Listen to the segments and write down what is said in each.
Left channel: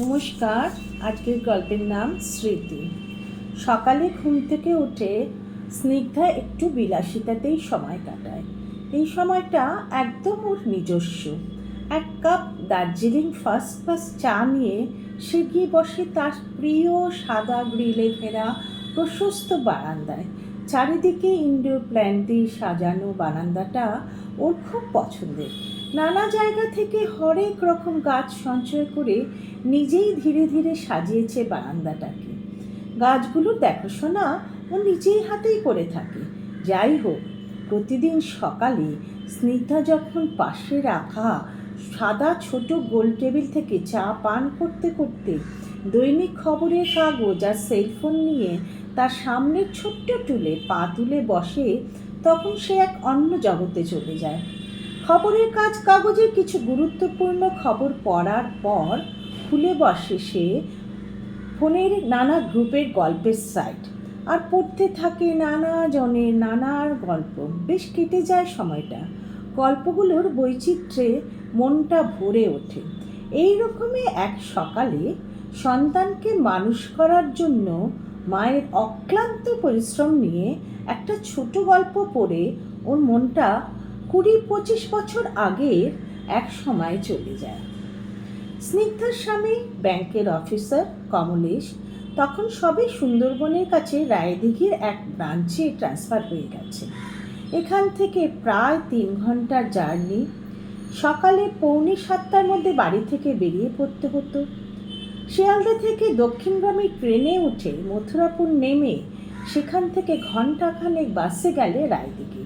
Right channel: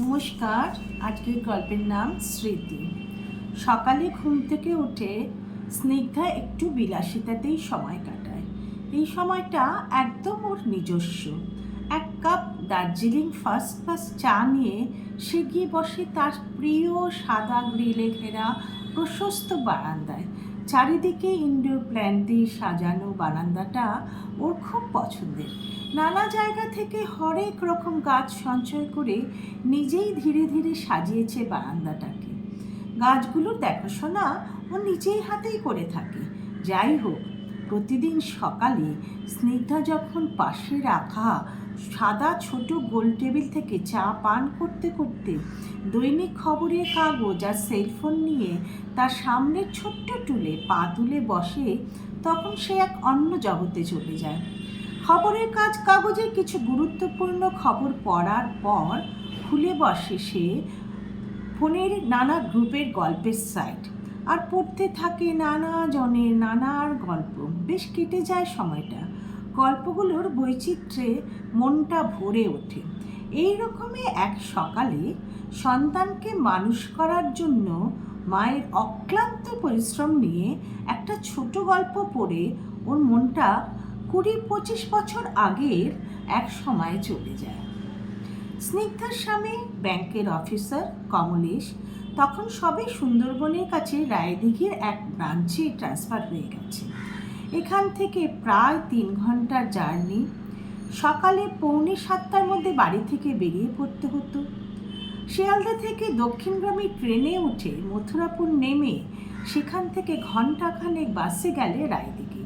নমস্কার, আজকের গল্পের নাম স্মৃতি। সকালে ঘুম থেকে উঠে স্নিগ্ধা একটু বিলাসিতাতেই সময় কাটায়। এই সময়টা একদম ওর নিজস্ব। এক কাপ দার্জিলিং ফার্স্ট ক্লাস চা নিয়ে সে গিয়ে বসে তার প্রিয় সাদা গ্রিলে ঘেরা প্রশস্ত বারান্দায়। চারিদিকে ইনডোর প্ল্যান্ট দিয়ে সাজানো বারান্দাটা ওর খুব পছন্দের। নানা জায়গা থেকে হরেক রকম গাছ সঞ্চয় করে নিজেই ধীরে ধীরে সাজিয়েছে বারান্দাটাকে। গাছগুলোর দেখাশোনা ও নিজেই হাতেই করে থাকে। যাই হোক, প্রতিদিন সকালে স্নিগ্ধা যখন পাশে রাখা সাদা ছোট গোল টেবিল থেকে চা পান করতে করতে দৈনিক খবরের কাগজ আর সেলফোন নিয়ে তার সামনের ছোট্ট টুলে পা তুলে বসে, তখন সে এক অন্য জগতে চলে যায়। খবরের কাজ কাগজে কিছু গুরুত্বপূর্ণ খবর পড়ার পর খুলে বসে সে ফোনের নানা গ্রুপের গল্পের সাইট। আর পড়তে থাকে নানা জনের নানার গল্প। বেশ কেটে যায় সময়টা। গল্পগুলোর বৈচিত্র্যে মনটা ভরে ওঠে। এই রকমই এক সকালে সন্তানকে মানুষ করার জন্য মায়ের অক্লান্ত পরিশ্রম নিয়ে একটা ছোট গল্প পড়ে ওর মনটা কুড়ি পঁচিশ বছর আগের এক সময় চলে যায়। স্নিগ্ধার স্বামী, ব্যাংকের অফিসার কমলেশ, তখন সবে সুন্দরবনের কাছে রায়দিঘির এক ব্রাঞ্চে ট্রান্সফার হয়ে গেছে। এখান থেকে প্রায় তিন ঘণ্টার জার্নি সকালে পৌনে সাতটার মধ্যে বাড়ি থেকে বেরিয়ে পড়তে হতো। শিয়ালদা থেকে দক্ষিণগ্রামী ট্রেনে উঠে মথুরাপুর নেমে সেখান থেকে ঘন্টাখানেক বাসে গেলে রায়দিঘি।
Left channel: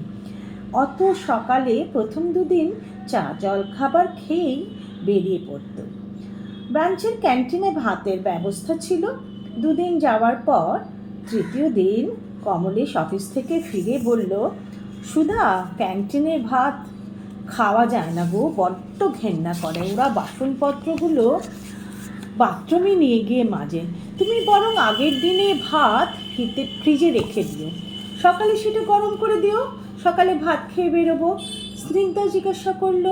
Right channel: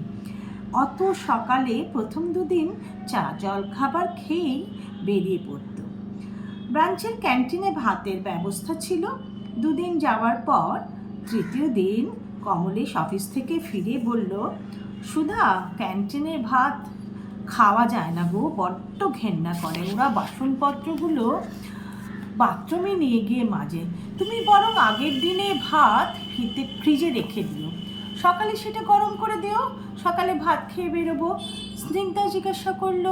অত সকালে প্রথম দুদিন চা জল খাবার খেয়েই বেরিয়ে পড়ত। ব্রাঞ্চের ক্যান্টিনে ভাতের ব্যবস্থা ছিল। দুদিন যাওয়ার পর তৃতীয় দিন কমলেশ অফিস থেকে ফিরে বলল, সুধা, ক্যান্টিনের ভাত খাওয়া যায় না গো, বড্ড ঘেন্না করে। ওরা বাসনপত্রগুলো বাথরুমে নিয়ে গিয়ে মাজে। তুমি বরং আগের দিনে ভাত ফ্রিতে ফ্রিজে রেখে দিও। সকালে সেটা গরম করে দিও সকালে ভাত খেয়ে বেরোবো। স্নিগ্ধা জিজ্ঞাসা করল,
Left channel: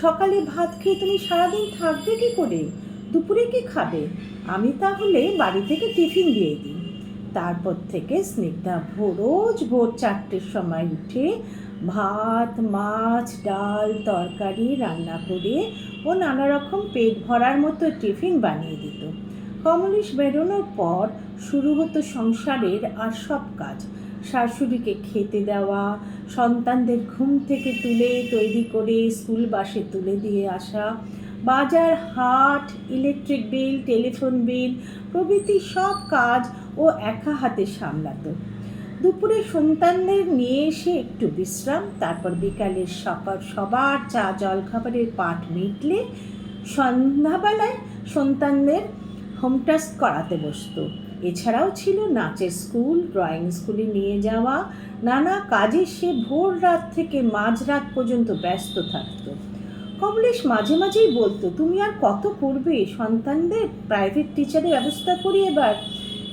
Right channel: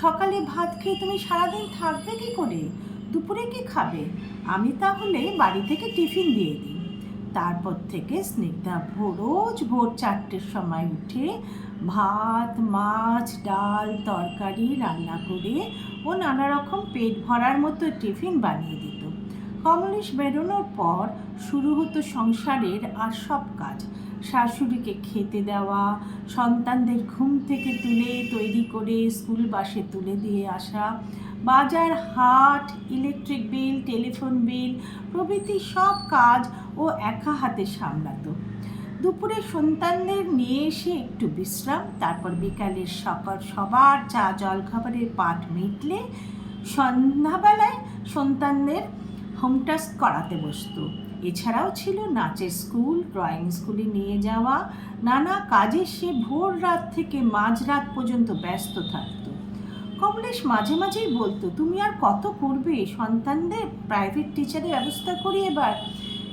সকালে ভাত খেয়ে তুমি সারাদিন থাকবে কি করে? দুপুরে কি খাবে? আমি তাহলে বাড়ি থেকে টিফিন দিয়ে দিই। তারপর থেকে স্নিগ্ধা রোজ ভোর চারটের সময় উঠে ভাত, মাছ, ডাল, তরকারি রান্না করে ও নানা রকম পেট ভরার মতো টিফিন বানিয়ে দিত। কমলেশ বেরোনোর পর শুরু হতো সংসারের আর সব কাজ। শাশুড়িকে খেতে দেওয়া, সন্তানদের ঘুম থেকে তুলে তৈরি করে স্কুল বাসে তুলে দিয়ে আসা, বাজার, হাট, ইলেকট্রিক বিল, টেলিফোন বিল, প্রভৃতি সব কাজ ও একা হাতে সামলাতো। দুপুরে সন্তানদের নিয়ে এসে একটু বিশ্রাম, তারপর বিকালের সকাল সবার চা জলখাবারের পাট মিটলে সন্ধ্যাবেলায় সন্তানদের হোম টাস্ক করাতে বসতো। এছাড়াও ছিল নাচের স্কুল, ড্রয়িং স্কুলে নিয়ে যাওয়া, নানা কাজে সে ভোর রাত থেকে মাঝরাত পর্যন্ত ব্যস্ত থাকত। কমলেশ মাঝে মাঝেই বলতো, তুমি আর কত করবে? সন্তানদের প্রাইভেট টিচারের ব্যবস্থা করি এবার।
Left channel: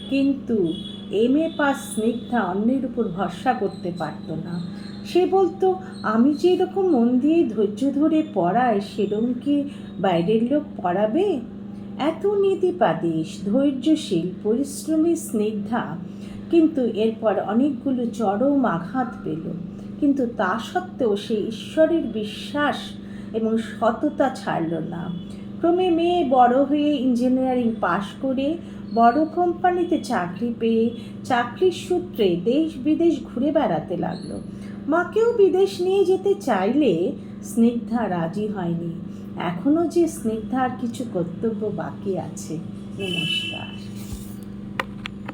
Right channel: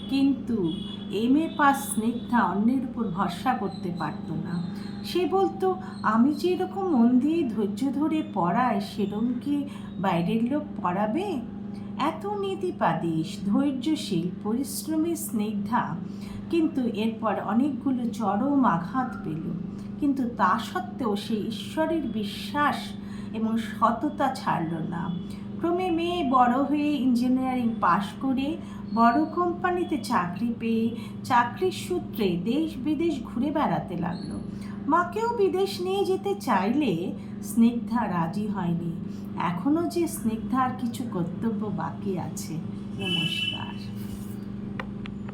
কিন্তু এম এ পাস স্নিগ্ধা অন্যের উপর ভরসা করতে পারতো না। সে বলতো, আমি যে এরকম মন দিয়ে ধৈর্য ধরে পড়াই সেরম কি বাইরের লোক পড়াবে? এত নীতিপাদিস ধৈর্যশীল, পরিশ্রমী, স্নিগ্ধা, কিন্তু এরপর অনেকগুলো চরম আঘাত পেল। কিন্তু তা সত্ত্বেও সে ঈশ্বরের বিশ্বাস এবং সততা ছাড়ল না। ক্রমে মেয়ে বড় হয়ে ইঞ্জিনিয়ারিং পাশ করে বড় কোম্পানিতে চাকরি পেয়ে চাকরির সূত্রে দেশ বিদেশ ঘুরে বেড়াতে লাগল। মাকেও বিদেশ নিয়ে যেতে চাইলে স্নিগ্ধা রাজি হয়নি। এখনও যে স্নিগ্ধার কিছু কর্তব্য বাকি আছে নমস্কার।